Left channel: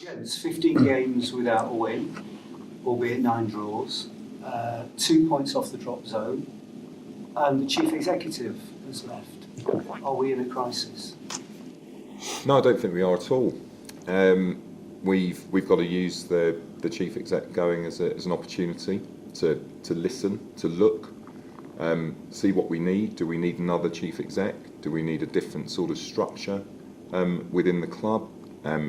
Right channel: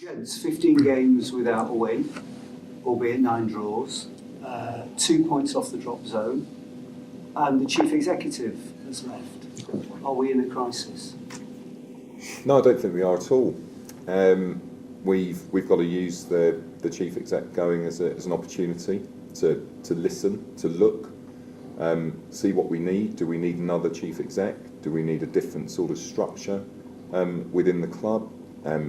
Gents, 15 games without a win, albeit 9 draws, 2 points off the drop zone, and the chief executive has left. Are we in a crisis? No, I don't think we are at all. We've got to use the chief exec going as an opportunity to listen, to look, see what we need. Do we need another chief exec? Do we need a different sort of structure within the club?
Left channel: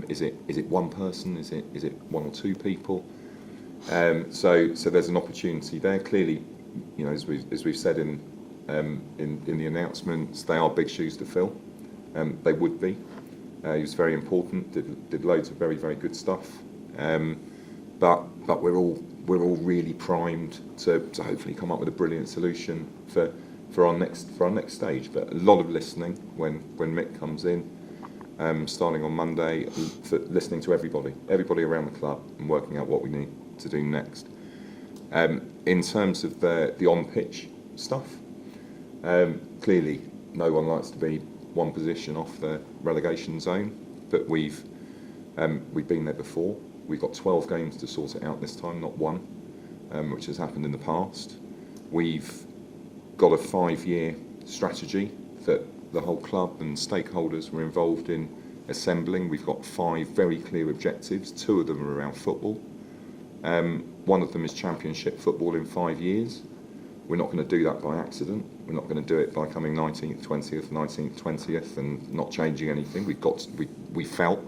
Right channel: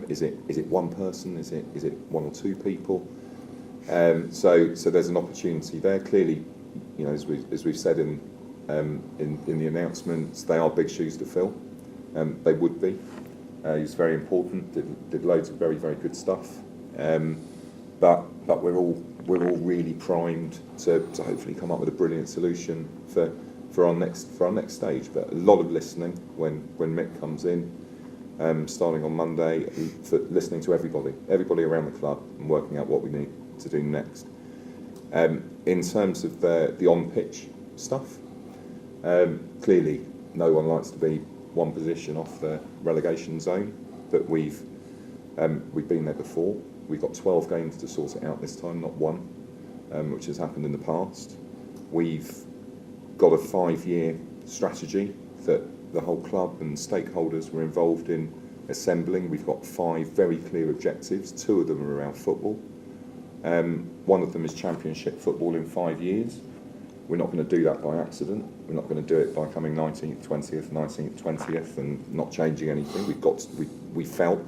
Is it one person? Is it one or two people? So there's an opportunity there. Clearly, you know, as we've said in the announcements, they are big shoes to fill. They would be. He was very important. Did loads of very, very good stuff. But we're all really primed to hopefully come up with a brilliant solution for our next stage. But a lot of listening when Mick comes in. Starting on Monday, for listening to everybody around the club and working out what we need to do next. In terms of the on-pitch stuff, clearly no one likes to be one position off the relegation zone, but we've been there before. We've got 12 games to sort it out this time, not one, which has happened in the past. We've got a 5-year strategy that the whole club and stakeholders were involved in assembling. We've got 5 very clear objectives. 2 of them are around football. One of them is championship football in 5 years. We're not going to do that by accident. We're not going to do it by coming 19th, 20th, 19th, 20th and not changing anything. We felt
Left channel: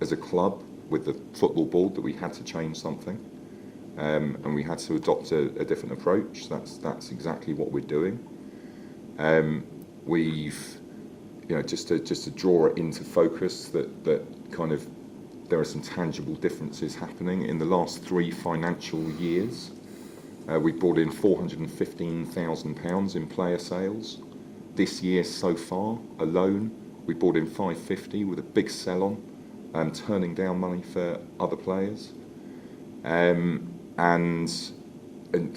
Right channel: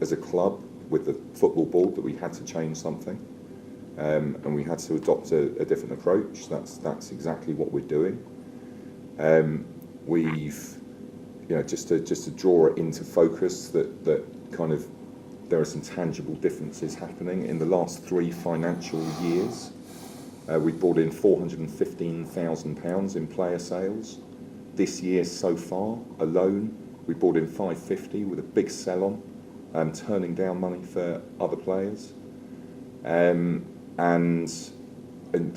as a club with the football board that we had to change something, and we had to adopt a different approach. That's exactly what we're doing. We've, you know, just to draw it into focus, that kind of there are some tangible differences happening in the last 3 financial years. We brought in £415,000 in player sales. This year so far alone, we brought in 550 with a big sell-on, turning down money for other players. And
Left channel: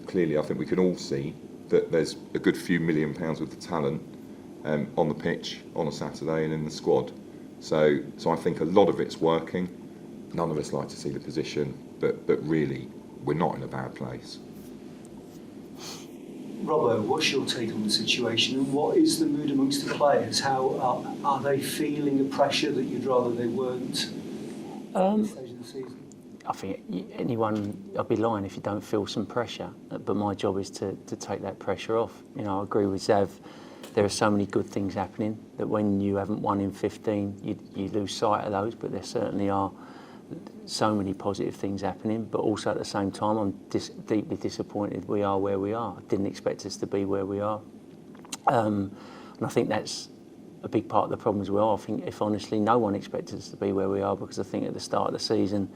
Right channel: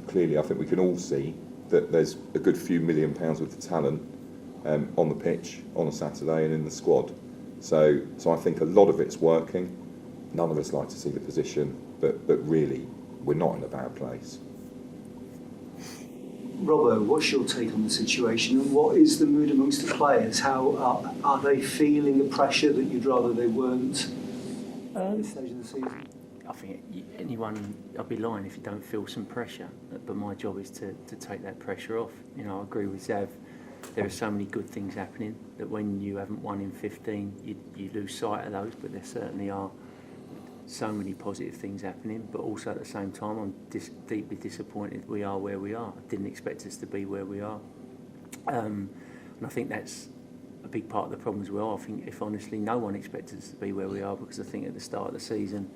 clearly, I think we can all see that there's a good few £1 million worth of talent on the pitch on a Saturday and in the squad. So I think a lot of it's working. None of us like to see the position, but really, we're not in a bad place. Robbo, what's your take on the situation, and what is the mood amongst the players? How are they feeling the pressure that you'd rather they weren't at this stage of the season? I think I'd be lying if you don't feel some pressure, but my job is to take that pressure off. You know, I agree with Xav. There are so many good things happening that when you haven't won in 15, you lose sight of those, but there certainly are so many positive things happening, but also at the same time I'm deeply disappointed we are where we are. I didn't expect us to be where we are, and I think that's a big part of the problem as well. I think, if honestly, no one expected us to be where we are, because I think at the start of the season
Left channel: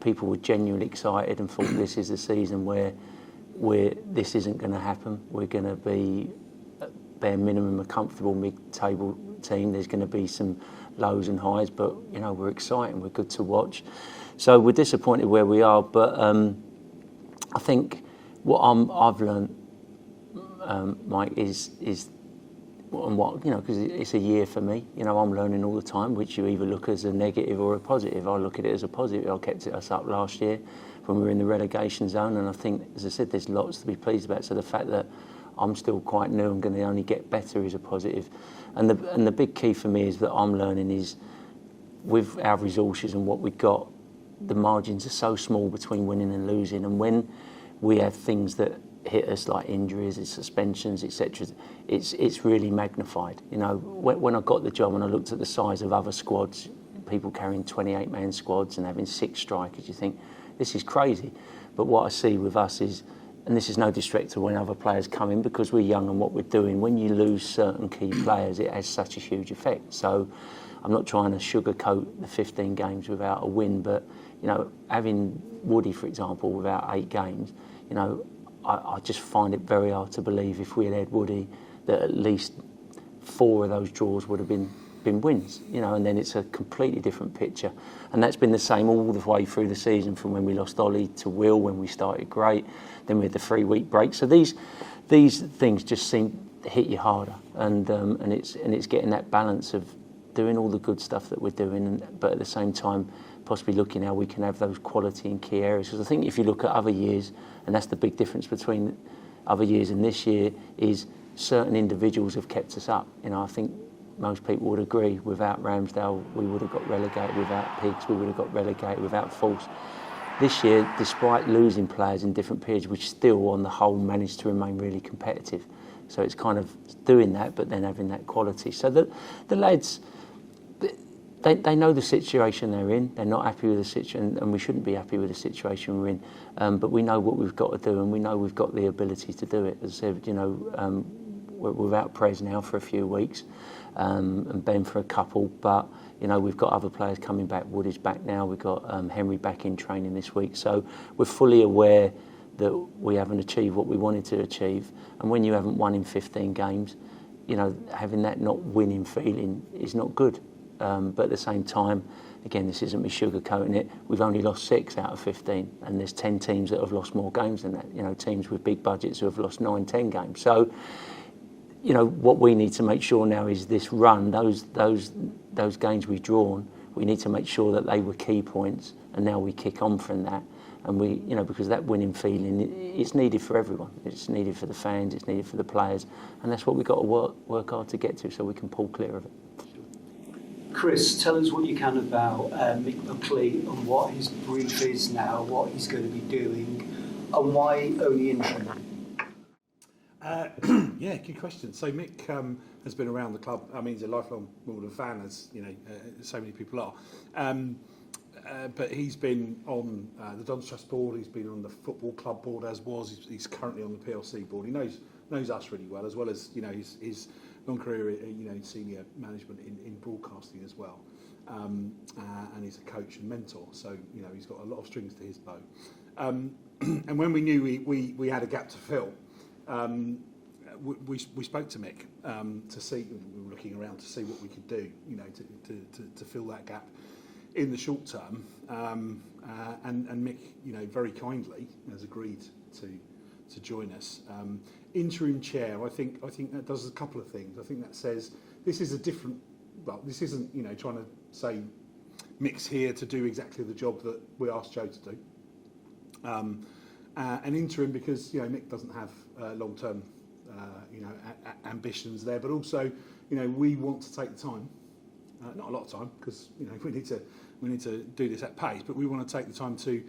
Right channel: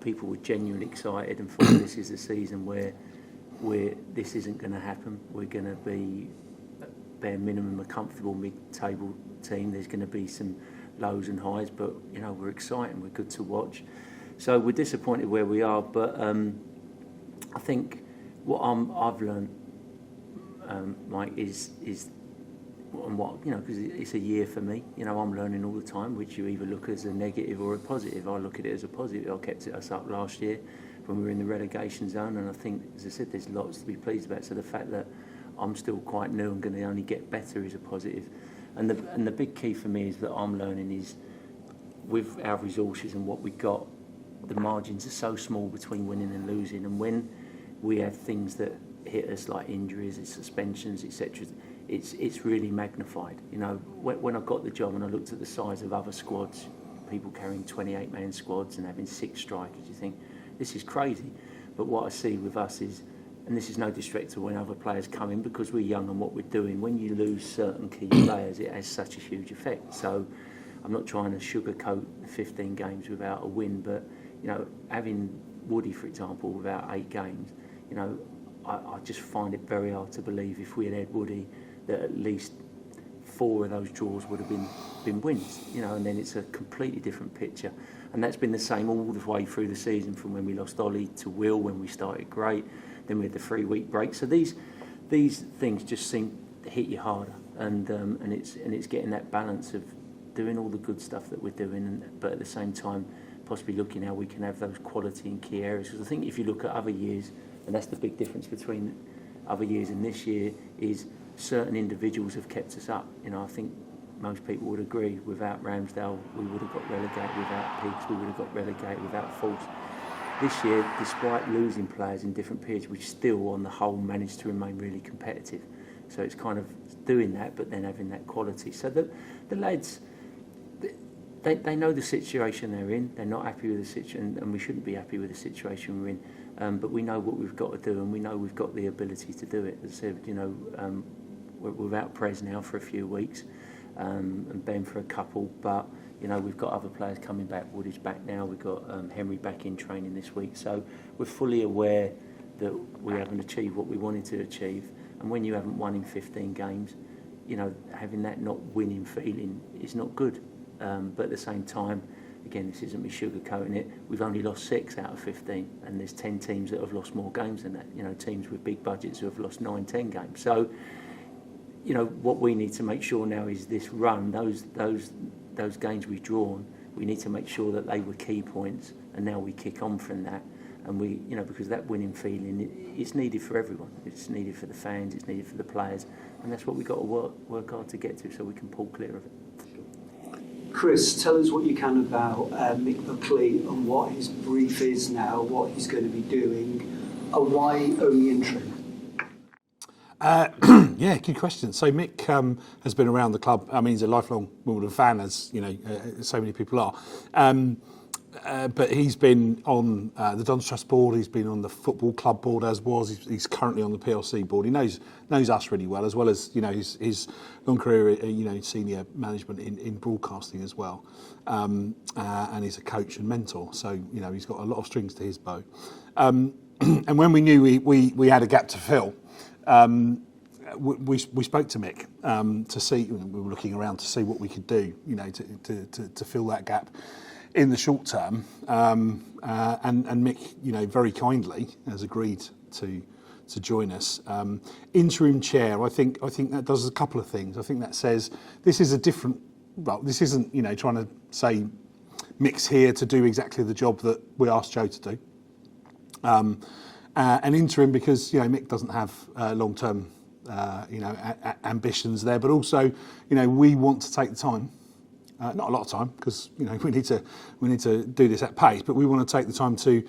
people were genuinely excited and thought this is the season where this isn't going to happen. We're going to be, at bare minimum, a comfortable mid-table team. There's going to be some lows and highs, but you know, we're exciting, we're good to watch. So we're disappointed where we are, but I think what I've learned, Mike, is and what, you know, because it's a year for me. You know, I'm learning all the time, which you either look as a negative or a positive. I look at it as a positive. I kept us up last year when we were in the relegation zone, and I think, as I said, there's lots to be pleased about. So the fact that I'm still quite new and going to only get better is a positive. And the big key for me is that I'm learning is, with our resources and what we've got, the margins are so small between winning and losing, and when we have things that hit us like injuries, suspensions, etc., it's really magnified. You know, when I got the job and I looked at the size of other squads, people carrying 28-man squads and having 6 strikers, you think this is crazy. But what I see with us is, and this is no disrespect to when other players come in, because we're young and what we're doing, when you lose certain key players, it has such a huge effect. So I'm not trying to sugarcoat the 15 games without a win, but you know, having Woody, for example, without 8 games, you know, I just find it very hard to believe if we had Woody that at least 4 of those draws would have been wins, you know, and then it's a completely different picture. And that's been the same all the way through the season, from when we lost Ollie to Will when we started great, then we had the 3-week break. So these things just seem to hit you harder, and it's getting that balance of doing all the good stuff that we're doing, but at the same time, possibly looking how we can have those quality in key areas. Because I think if you look at other years, and that's the big difference between other years and this year, is certain individuals have kept us up. You know, I think most people would agree, without Ramsdale, we would have got relegated, without Pigs, we would have got relegated, without Force. This year, despite losing players in different periods, we still, on the whole, managed to remain really competitive. So it's kind of doing that, but then having that quality. So the lads, they know the situation they're in. They're not happy with the situation, and we shouldn't be happy with the situation we're in. But we know what we've got to do, and we know we've got the ability to do it. As I said, you know, we're without Prez now for a few weeks, and Ben for a couple. But you know, we've got other players coming back. Wood is back now. We've got Henry back in training this week. So we're fully aware that we haven't achieved what we wanted to achieve. And when you haven't won in 15 games, you know, having that not winning feeling is not good. But at the same time, again, this isn't me sugarcoating it, we've only lost 6 out of 15, and there's 10 teams that have lost more games than that. You know, teams with big budgets who have lost 9, 10 games. So, you know, what we need to make sure now is this run, those games we've drawn, we need to make sure that they were key points, and now we kick on from that. And we, you know, because that winning feeling, it's needed for everyone. It's needed for the fans, it's needed for the players, and that's what we've got to work hard to get to, so we can pull clear of it. Chris, tell us what you can about Mick Lee and what his brief is now, what he's going to be doing, and why only interim. Yeah, good question. So Mick has been around the club. I mean, he's a lifelong Wimbledon fan, as you know, so many people are. But he's been on the Don's Trust board. He's been on the football club board, as was. He's currently on the PLC board. He knows us really well, as you know his long career, you know, senior management in broadcasting as well. And he's a coach and mentor. So you know, he's got a lot of strings to his bow. And when we knew we had a gap to fill, we spoke to Mick to see. We were looking around to see what we could do, you know, to fill that gap in the short term, and Mick, you know, very kindly has agreed to join us. Interim chair, I think that does a couple of things. I think that says this is a different. Well, this isn't, you know, trying to say Mick's here to do exactly the job that we asked Joe to do. An interim because, you know, Mick doesn't have long-term, you know, ambitions there, but also, you know, we want to take the time. Not a lot of time, because you know we need to do this at pace. But we want to take the time to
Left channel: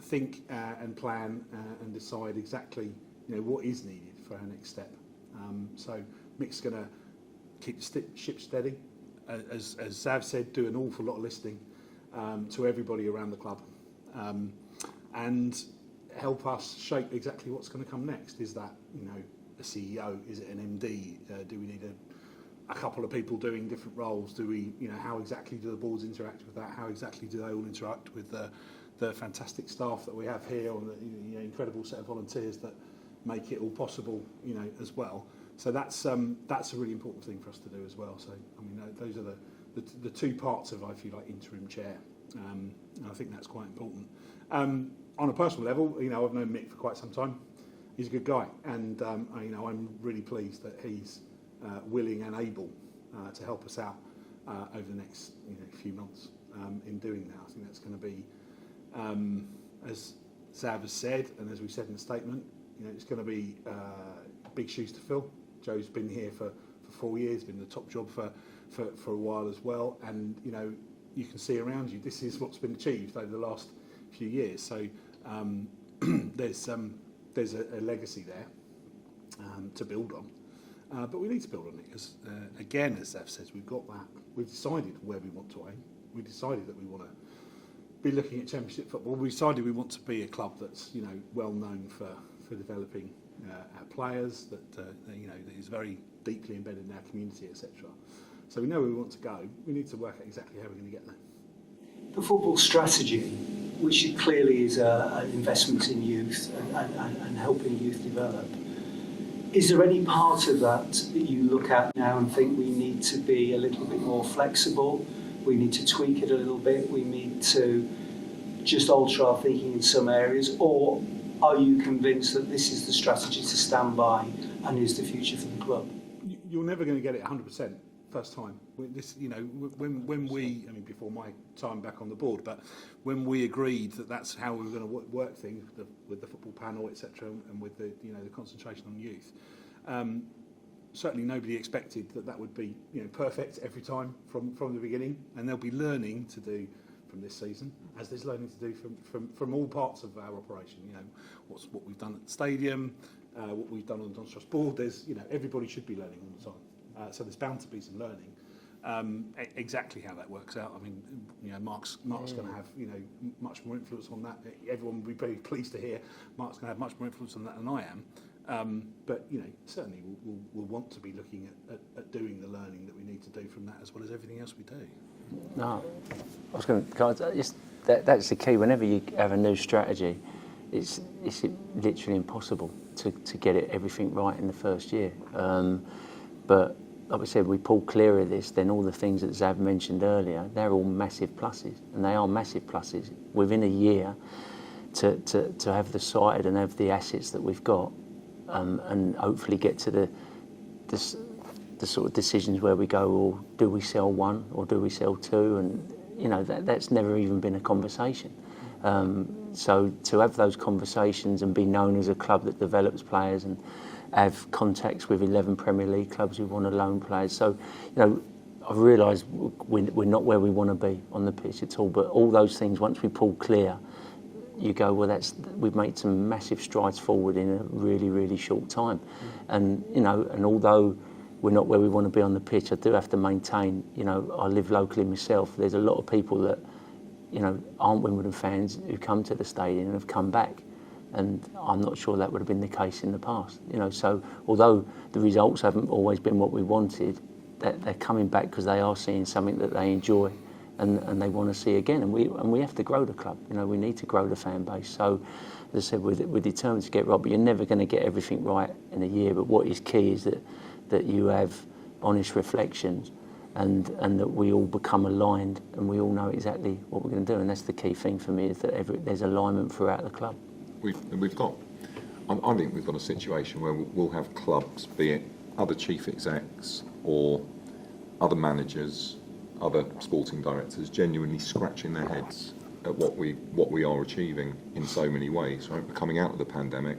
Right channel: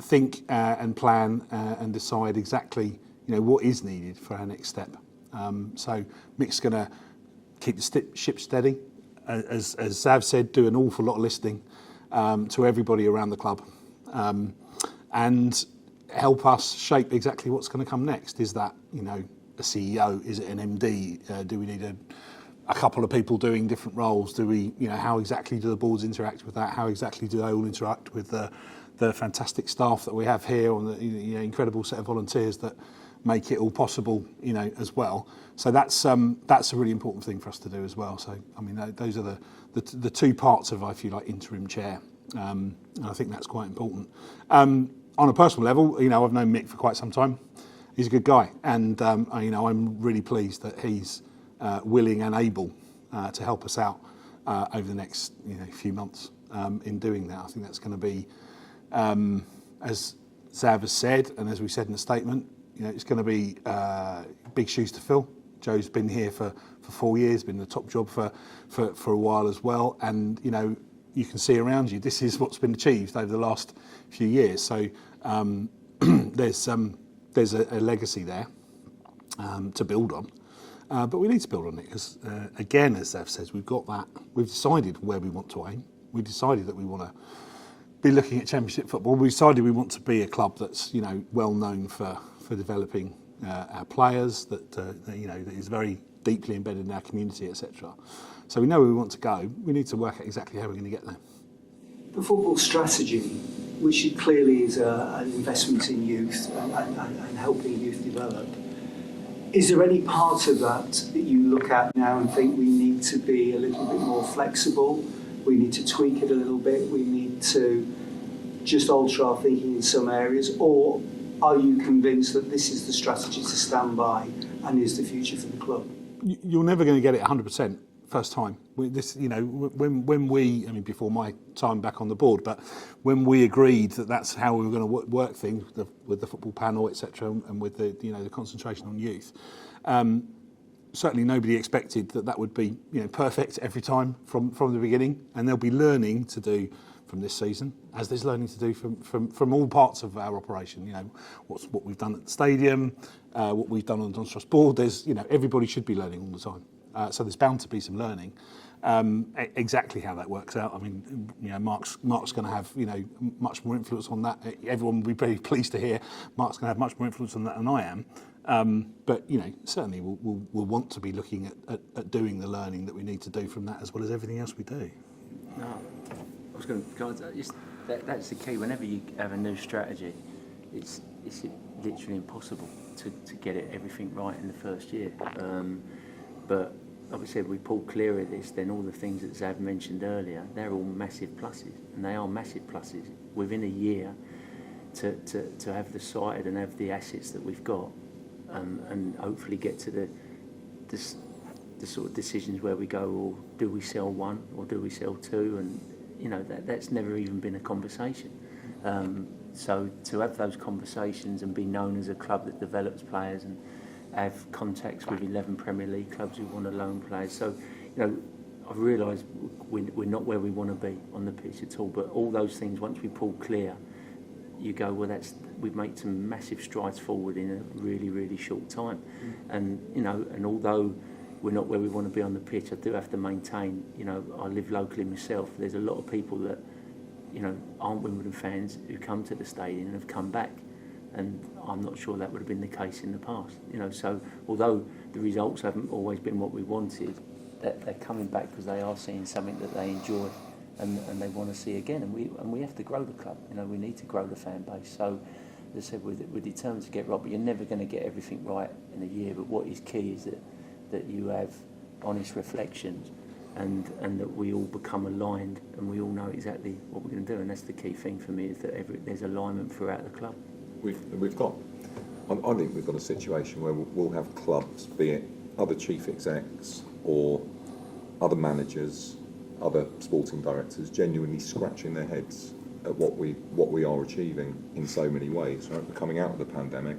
think and plan and decide exactly, you know, what is needed for our next step. So Mick's going to keep the ship steady, as Xav said, do an awful lot of listening to everybody around the club, and help us shape exactly what's going to come next. Is that, you know, a CEO? Is it an MD? Do we need a couple of people doing different roles? Do we, you know, how exactly do the boards interact with that? How exactly do they all interact with the fantastic staff that we have here, or the, you know, incredible set of volunteers that make it all possible, you know, as well. So that's a really important thing for us to do as well. So I mean, those are the two parts of, if you like, interim chair. And I think that's quite important. On a personal level, you know, I've known Mick for quite some time. He's a good guy, and you know, I'm really pleased that he's willing and able to help us out over the next, you know, few months in doing that. I think that's going to be, as Xav has said, and as we said in the statement, you know, it's going to be big shoes to fill. Joe's been here for 4 years, been in the top job for a while as well, and you know, you can see around you, this is what's been achieved over the last few years. So there's a legacy there to build on. But we need to build on it because, again, as Xav says, we've got that. We've decided where we want to aim. We've decided that we want to be looking at Championship football. We decided we want to be a club that's, you know, well known for developing our players, that you know, that is very deeply embedded in our community, etc. So we know where we want to go. We need to work out exactly how we're going to get there. The football strategy, which clearly is an investment in youth and helping youth develop. Is there any part of that you look at now and think we need to be a little bit more flexible, we need to tweak it a little bit, we need to just alter our thinking in some areas, or are you convinced that this is the strategy to stand by and is the future for the club? You're never going to get it 100% first time. When we, I mean, before my time back on the board, but when we agreed that that's how we were going to work things with the football panel, etc., and with the the concentration on youth. Certainly, nobody expected that would be perfect every time from the beginning, and there'll be learning to do from this season, as there's learning to do from all parts of our operation. What we've done at the stadium, what we've done on the Doncaster board. There's everybody should be learning all the time. So there's bound to be some learning. Exactly how that works out, I mean, Mark's going to have much more influence on that. Everyone will be very pleased to hear Mark's going to have much more influence on that than I am. But certainly we'll want to be looking at doing the learning that we need to do from that, as well as everything else we do. No, I was going to. That's the key. Whenever you have a new strategy, it's literally impossible to get everything right in the first year. But like I said, we pull clear of this, then all the things that Xav mentioned earlier, they're all massive pluses, and they are massive pluses within a year to have the side and have the assets that we've got, and hopefully get to the sort of decisions where we go, well, do we sell one or do we sell two? And that's never even been a conversation. So to have those conversations and be known as a club that develops players and have contacts with 11 Premier League clubs who want to loan players. So, I realise we're not where we want to be on the pitch at all, but all those things, once we pull clear, you go, well, we've made some massive strides forward in a really, really short time. And, and although we're not where we want to be on the pitch, I do have to maintain, I live locally myself. There's a lot of people that, aren't Wimbledon fans who come to the stadium and have come back. And I'm not sure that would have been the case in the past. So although the results haven't always been what we wanted, they're coming back because they are seeing something that they enjoy and they want to see again. And we have to grow the club. We need to grow the fan base. So as I said, we're determined to get right, but you're never going to get everything right in a year. But what is key is that you have honest reflections and that we all become aligned and we all know exactly what we're going to do. And that's the key thing for me, is that there's alignment throughout the club. We've got. I think we've got a situation where we'll have clubs, be it other chief execs or other managers, other sporting directors, genuinely scratching their heads at what we are achieving in so many ways. Right, we're coming out of the pandemic.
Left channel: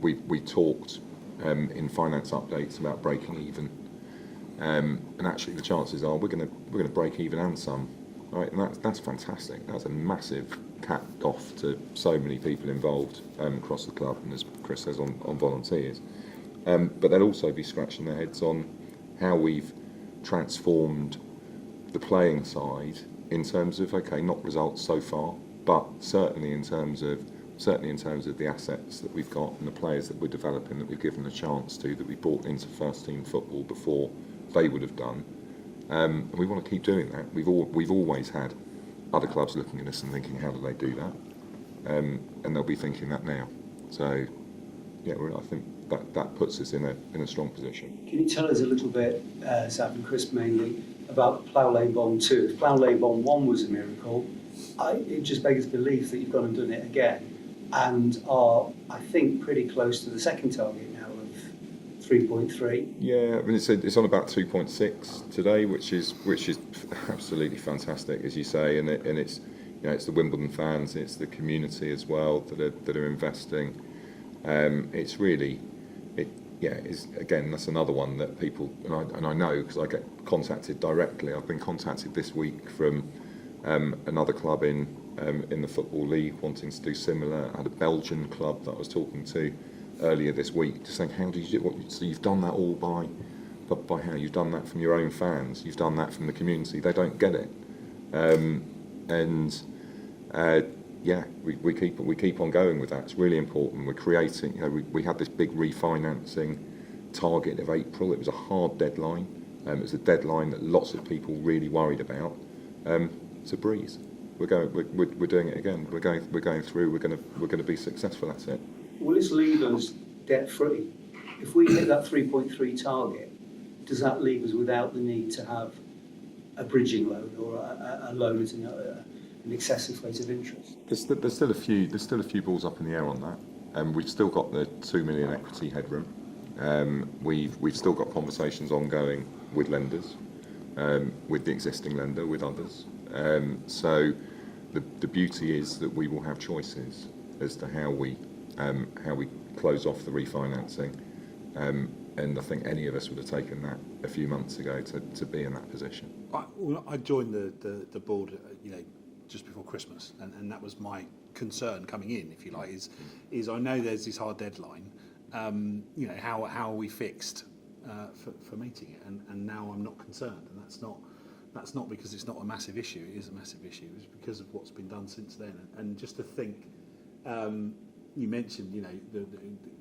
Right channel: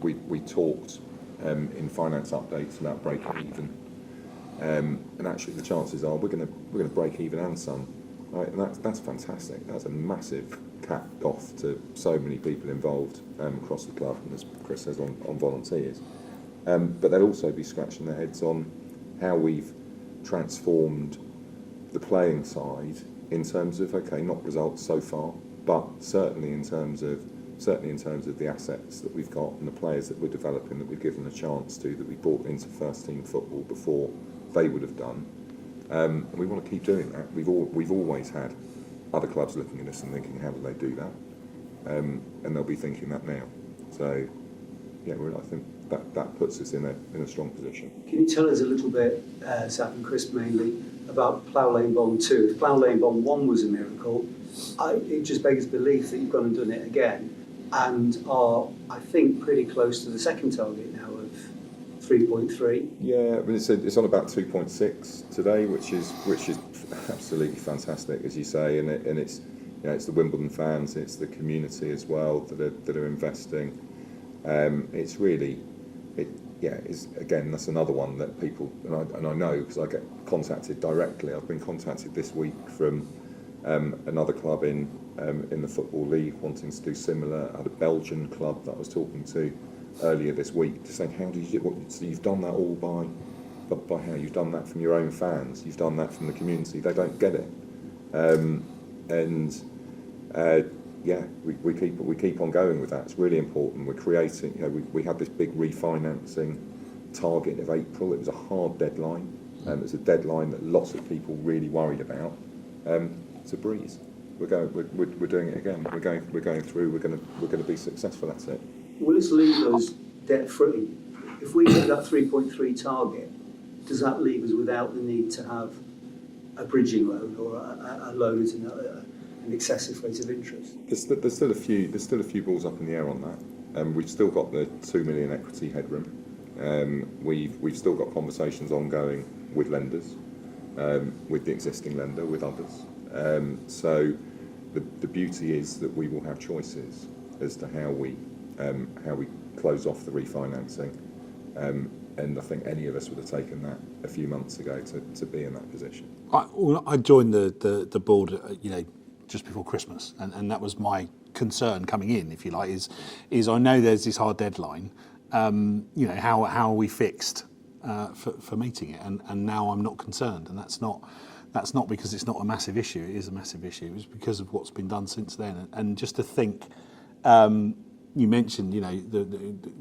We talked in finance updates about breaking even, and actually the chances are we're going to break even and some. Right, and that's fantastic. That's a massive cap off to so many people involved across the club, and as Kris says, on volunteers. But they'll also be scratching their heads on how we've transformed the playing side in terms of, okay, not results so far, but certainly in terms of the assets that we've got and the players that we're developing, that we've given a chance to, that we brought into first team football before they would have done. And we want to keep doing that. We've always had other clubs looking at us and thinking, how do they do that? And they'll be thinking that now. So, yeah, I think that puts us in a strong position. Can you tell us a little bit, Xav and Kris mainly, about Plough Lane Bond 2? If Plough Lane Bond 1 was a miracle, it just begs belief that you've gone and done it again, and are, I think, pretty close to the second target now of 3.3. Yeah, I mean, it's on about 2.6 today, which is absolutely fantastic, as you say, and it's it's the Wimbledon fans, it's the community as well that are investing. It's really, again, that's another one that people, and I know because I get contacted directly. I've been contacted this week from another club in the Football League wanting to do similar. I had a Belgian club that I was talking to earlier this week, just saying, how did you do it? So you've done that all by how? You've done that from your own fans, you've done that from the community. They don't get it. We keep on going with that. It's really important. We're creating, we had this big refinancing target of April. It was a hard deadline. It was a deadline that lots of people really worried about. It's a breeze. We're doing it again. We're going through. We're going to be successful at it. Will this leave us debt free? If we hit that 3.3 target, does that leave us without the need to have a bridging loan or a loan at an excessive rate of interest? There's still a few balls up in the air on that. We've still got the 2 million equity headroom. We've still got conversations ongoing with lenders, with the existing lender, with others. So the beauty is that we will have choices as to how we close off the refinancing. And I think any of us would have taken that a few months ago to be in that position. I joined the board, just before Christmas, and that was my concern coming in, if you like, is I know there's this hard deadline. How are we fixed for meeting it? And now I'm not concerned, and that's not because it's not a massive issue. It is a massive issue. It's because of what's been done since then, and just to think. You mentioned,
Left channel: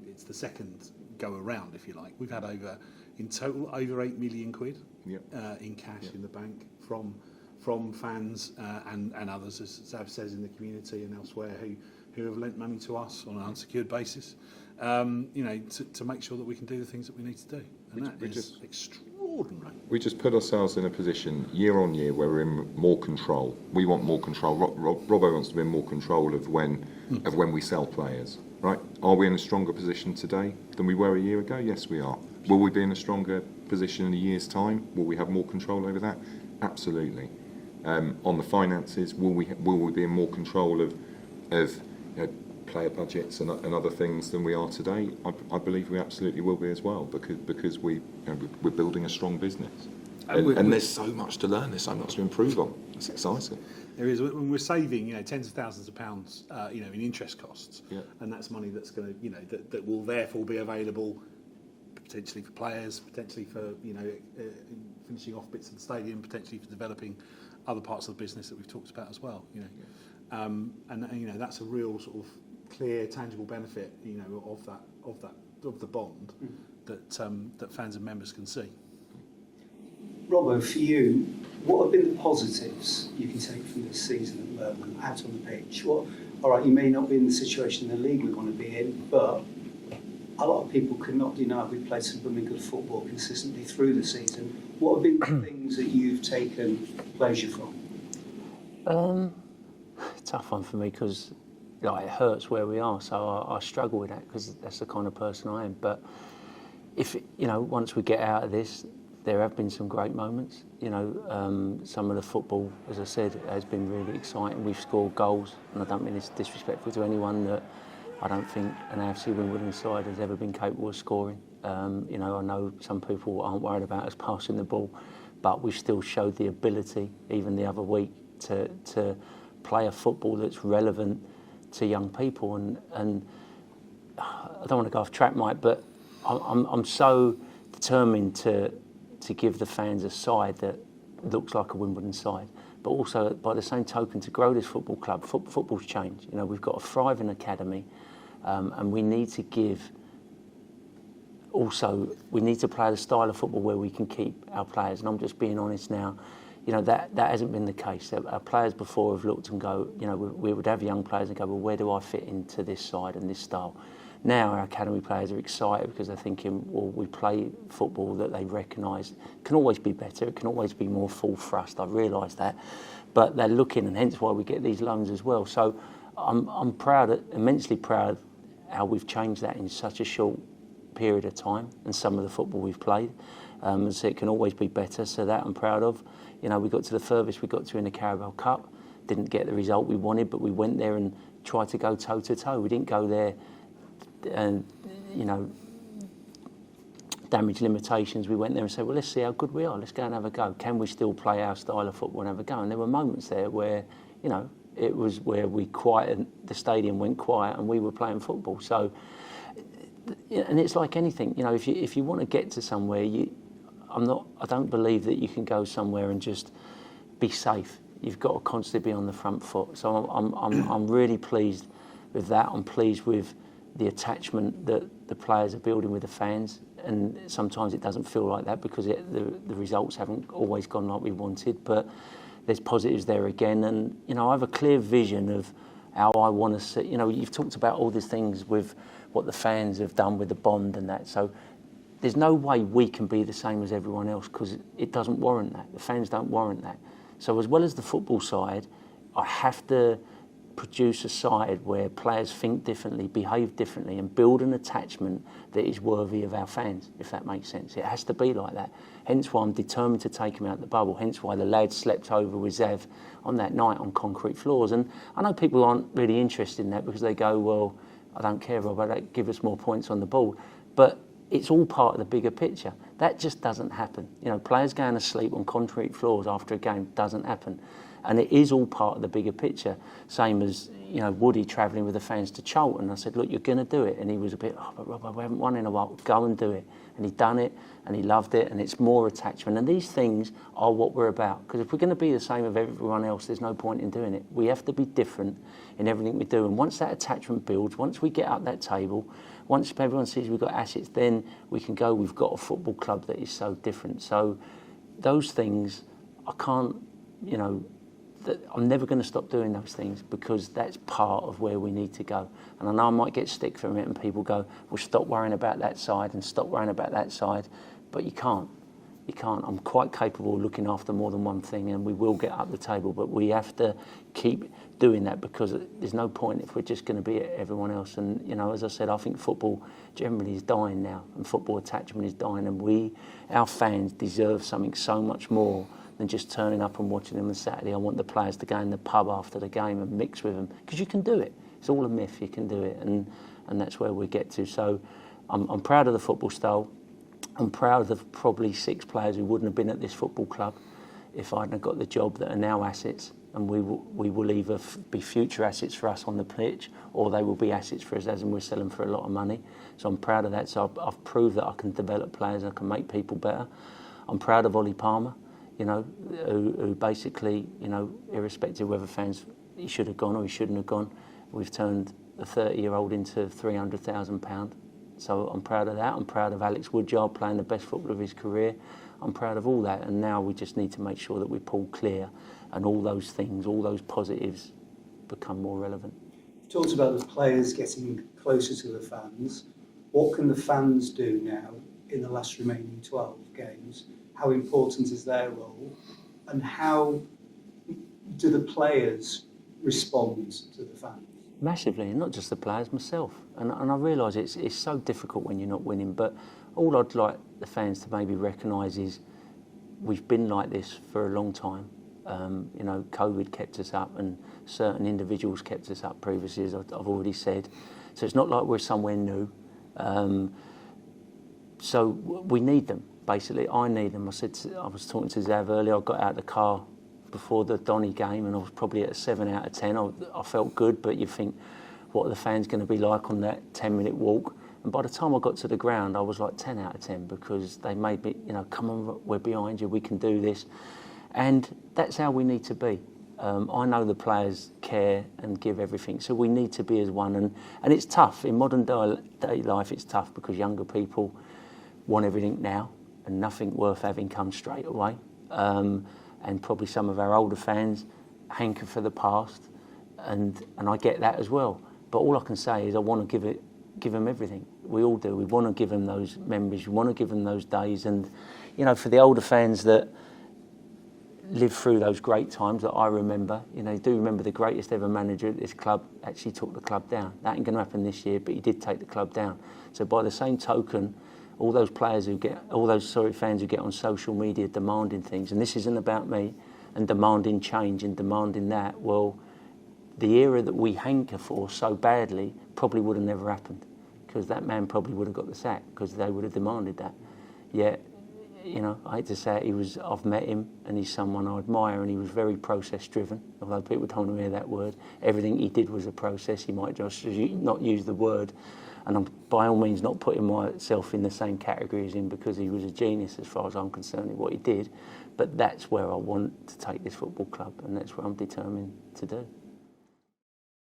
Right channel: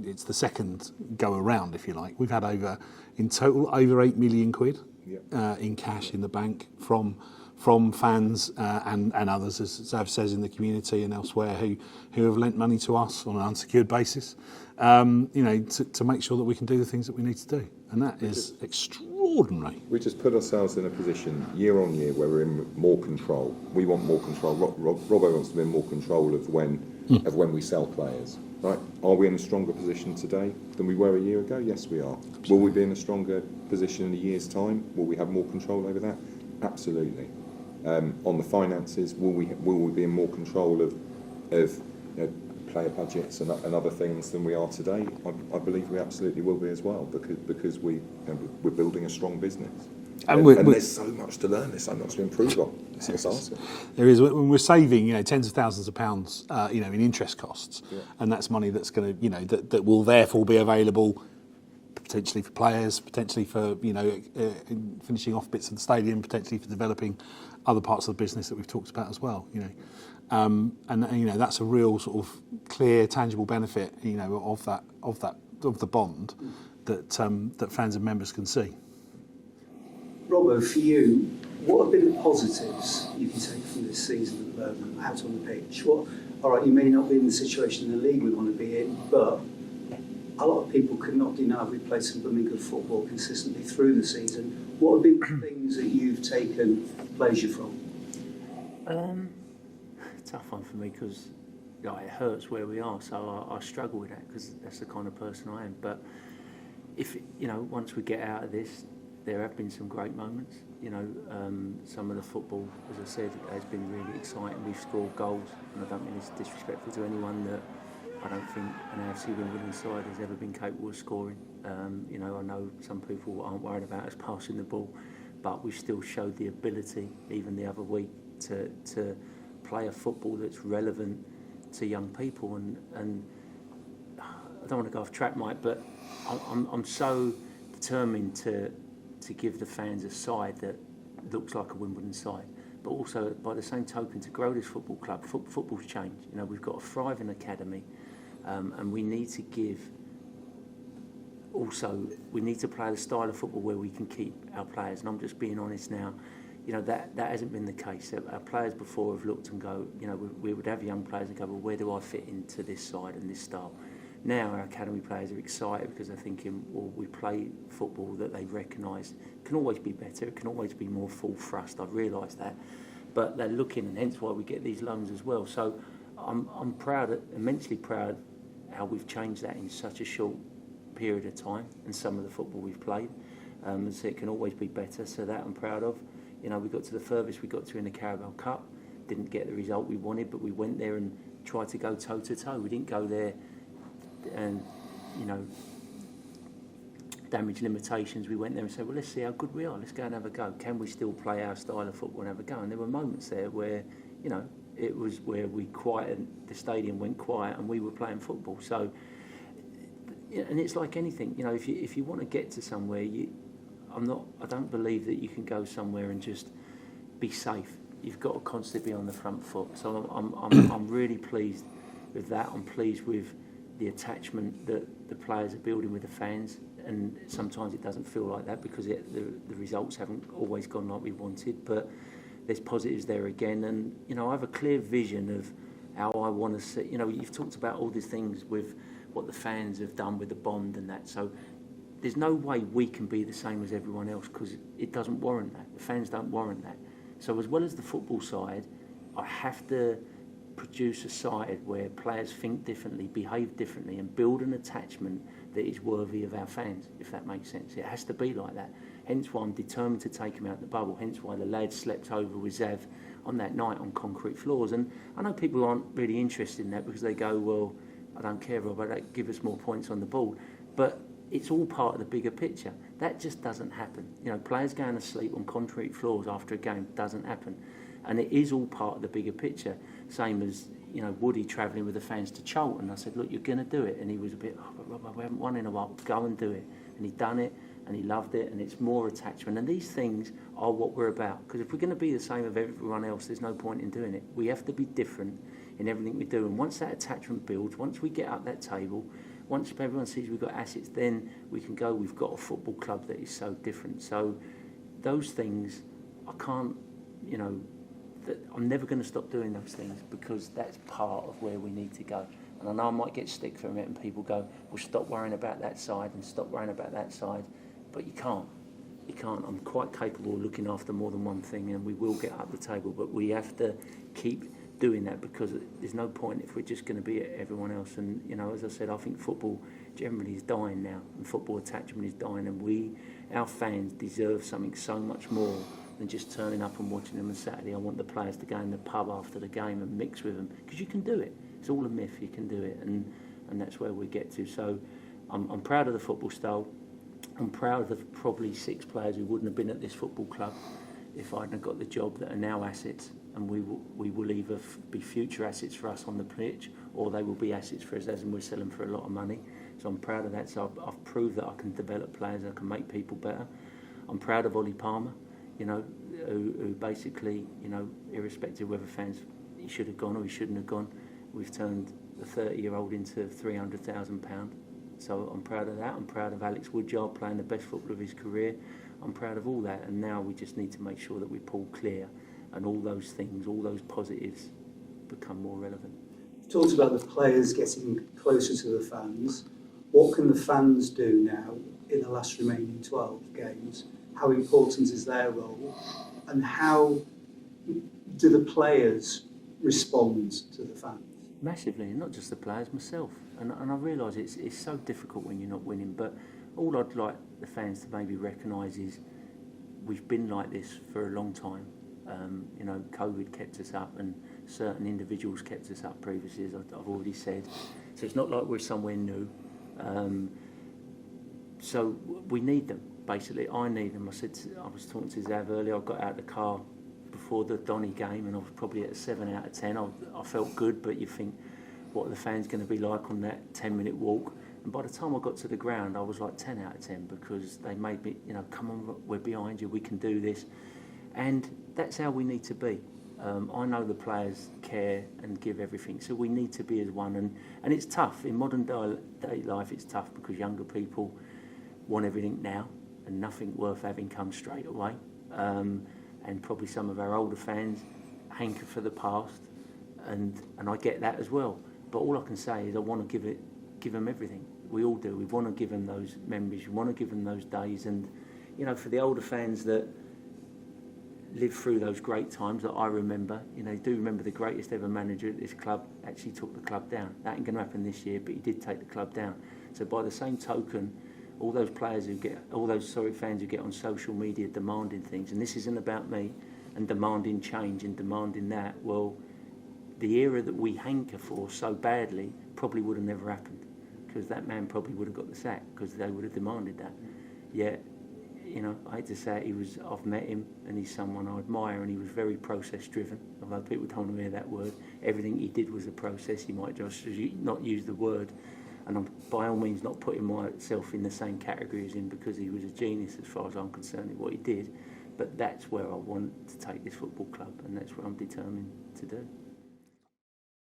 it's the second go around, if you like. We've had in total over 8 million quid in cash in the bank from fans and others, as Xav says, in the community and elsewhere, who have lent money to us on an unsecured basis, to make sure that we can do the things that we need to do, and that is extraordinary. We just put ourselves in a position year on year where we're in more control. We want more control. Robbo wants to be in more control of when we sell players. Right? Are we in a stronger position today than we were a year ago? Yes, we are. Absolutely. Will we be in a stronger position in a year's time? Will we have more control over that? Absolutely. On the finances, will we be in more control of player budgets and other things than we are today? I believe we absolutely will be as well, because we're building a strong business. And there's so much to learn, there's so much to improve on. It's exciting. There is. When we're saving, tens of thousands of pounds, in interest costs, and that's money that's going to, that will therefore be available potentially for players, potentially for finishing off bits of the stadium, potentially for developing other parts of the business that we've talked about as well. And that's a real sort of clear, tangible benefit, of the bond that fans and members can see. Robbo, for you, what have been the positives you can take from this season out on the pitch? All right, you may not be in the situation in the league we want to be in, but a lot of people could not deny we've played some blooming good football consistently through the season. What have been the things that you've taken pleasure from? Tough one for me, because it hurts where we are, so I struggle with that, because that's the kind of person I am. But if once we get out of this, there have been some great moments. Some of the football, as I said, has been really exciting. We've scored goals, and I don't mean it's disrespectful to anyone, that I don't think an AFC Wimbledon side has ever been capable of scoring. I know some people aren't worried about us passing the ball, but we've still showed the ability, even the other week, to play a football that's relevant to young people. And I don't want to go off track, Mike, but I'm so determined to give the fans a side that looks like a Wimbledon side, but also by the same token to grow this football club. Football's changed. We've got a thriving academy, and we need to give. Also, we need to play the style of football where we can keep our players. And I'm just being honest now. That hasn't been the case. Our players before have looked and go, we would have young players and go, well, where do I fit into this side and this style? Now our academy players are excited because they're thinking, well, we play football that they recognise. It can always be better. It can always be more full thrust. I realise that. But they're looking, and hence why we get these loans as well. So I'm proud, immensely proud, how we've changed that in such a short period of time, and some of the football we've played. And so it can always be better. So that I'm proud of. We got to the furthest we got to in the Carabao Cup. Didn't get the result we wanted, but we went there and tried to go toe to toe. We didn't go there and damage limitations. We went there and said, well, let's see how good we are. Let's go and have a go. Can we still play our style of football and have a go? And there were moments there where, it was where the stadium went quiet and we were playing football. So, and it's like anything, if you want to get to somewhere, I don't believe that you can go somewhere and just be safe. You've got to constantly be on the front foot. So I'm really pleased with that. I'm pleased with the attachment that the players are building with the fans, and sometimes it doesn't feel like that because the results haven't always gone like we wanted, but there's positives there again. And I have a clear vision of how I want to see. You've talked about all these things with what the fans have done with the bond and that, so there's no way we can be the same as everyone else, because it doesn't warrant that. The fans don't warrant that. So as well as the football side, I have to produce a side where players think differently, behave differently, and build an attachment that is worthy of our fans, if that makes sense. It has to be like that. Hence why I'm determined to take him out the bubble. Hence why the lads slept over with Xav on that night on concrete floors. And I know people aren't really interested in that because they go, well, I don't care, Robbo, give us more points on the board. But it's all part of the bigger picture. That just doesn't happen. You know, players going to sleep on concrete floors after a game doesn't happen. And it is all part of the bigger picture. Same as, you know, Woody travelling with the fans to Charlton. I said, look, you're going to do it. And he was a bit, oh, but Robbo, we haven't won in a while. Go and do it. And he'd done it, and he loved it, and it's more attachment. And these things are what we're about. Because if we're going to be the same as everyone else, there's no point in doing it. We have to be different in everything we do. And once that attachment builds, once we get up that table, once everyone sees we've got assets, then we can go, we've got a football club that is so different. So those things, I can't, you know, I'm never going to stop doing those things because that's part of where we need to go. And I know I might get stick from it and people go, well, stop worrying about that side and stop worrying about that side. But you can't. You can't. I'm quite capable of looking after more than one thing and we will get up the table. But we have to keep doing that because there's no point if we're just going to be at everyone else. And, you know, as I said, I think football generally is dying now and football attachment is dying. And our fans deserve something so much more than just turning up and watching them on Saturday. I want the players to go in the pub after the game and mix with them because you can do it. It's all a myth, you can do it, and that's where we get to. So I'm proud of the football style. I'm proud of probably 6 players who wouldn't have been at this football club if I hadn't have got the job that are now assets, and we will either be future assets for us on the pitch or they will be assets for us as and we're selling for a lot of money. So I'm proud of that. So I've proved that I can develop players, I can make people better. I'm proud of Ollie Palmer, you know, who basically, you know, irrespective of whether fans, he should have gone or he shouldn't have gone, we've turned a 30-year-old into £300,000. So I'm proud of that. I'm proud of Alex Woodyard playing the best football of his career. I'm proud of all that. And now we just need to make sure that we pull clear and all those things, all those positives become more relevant. You talked about the players getting closer to the fans. What can the fans do now in the last remaining 12 games? How important is their role? And how do the players respond to the fans? Massively, and not just the players, myself. And I realise it's so difficult when you're not winning, but all I'd like the fans to maybe recognise is we've been like this for a long time. You know, COVID kept us up and certain individuals kept us up previously, as I've already said. So it's not like we're somewhere new. So we need them, basically. I need them. I was talking to Xavier earlier, I got out of the car before the Donny game and I was probably at a 7 out of 10. I felt good, but you think, what are the fans going to be like on that 10-minute walk? And by the time I got to the ground, I was like 10 out of 10 because they made me, you know, come on, we're behind you, we can do this. And that's how we need to be. I know the players care and give everything, so we need to be as one. And it's tough. In modern day life, it's tough because younger people want everything now and nothing worth having comes straight away. And probably some of our older fans hanker for the past, and I get that as well. But all I can say is I want to give them everything. We all do. We want to give them those memories. We want to give them those days. And, you know, for the older fans that lived through those great times that I remember, you know, do remember the greatest ever manager at this club actually took the club down. That ain't going to happen this year, but he did take the club down. So by the same token, all those fans who get on social media demanding things, and this isn't about me, and demanding change and demanding that, well, the era that we hanker for so badly probably would have never happened because that man probably would have got the sack because they would have demanded that. Yet, you know, I hate to say it, I've met him and he's someone I admire and he was very process driven, although people don't want to hear that word. Everything he did was a process. He might just not use the word. And I'm by all means not putting myself in the same category as him because he was a genius as far as I'm concerned in what he did. But that's where I want to take this football club and that's what I'm determined to do.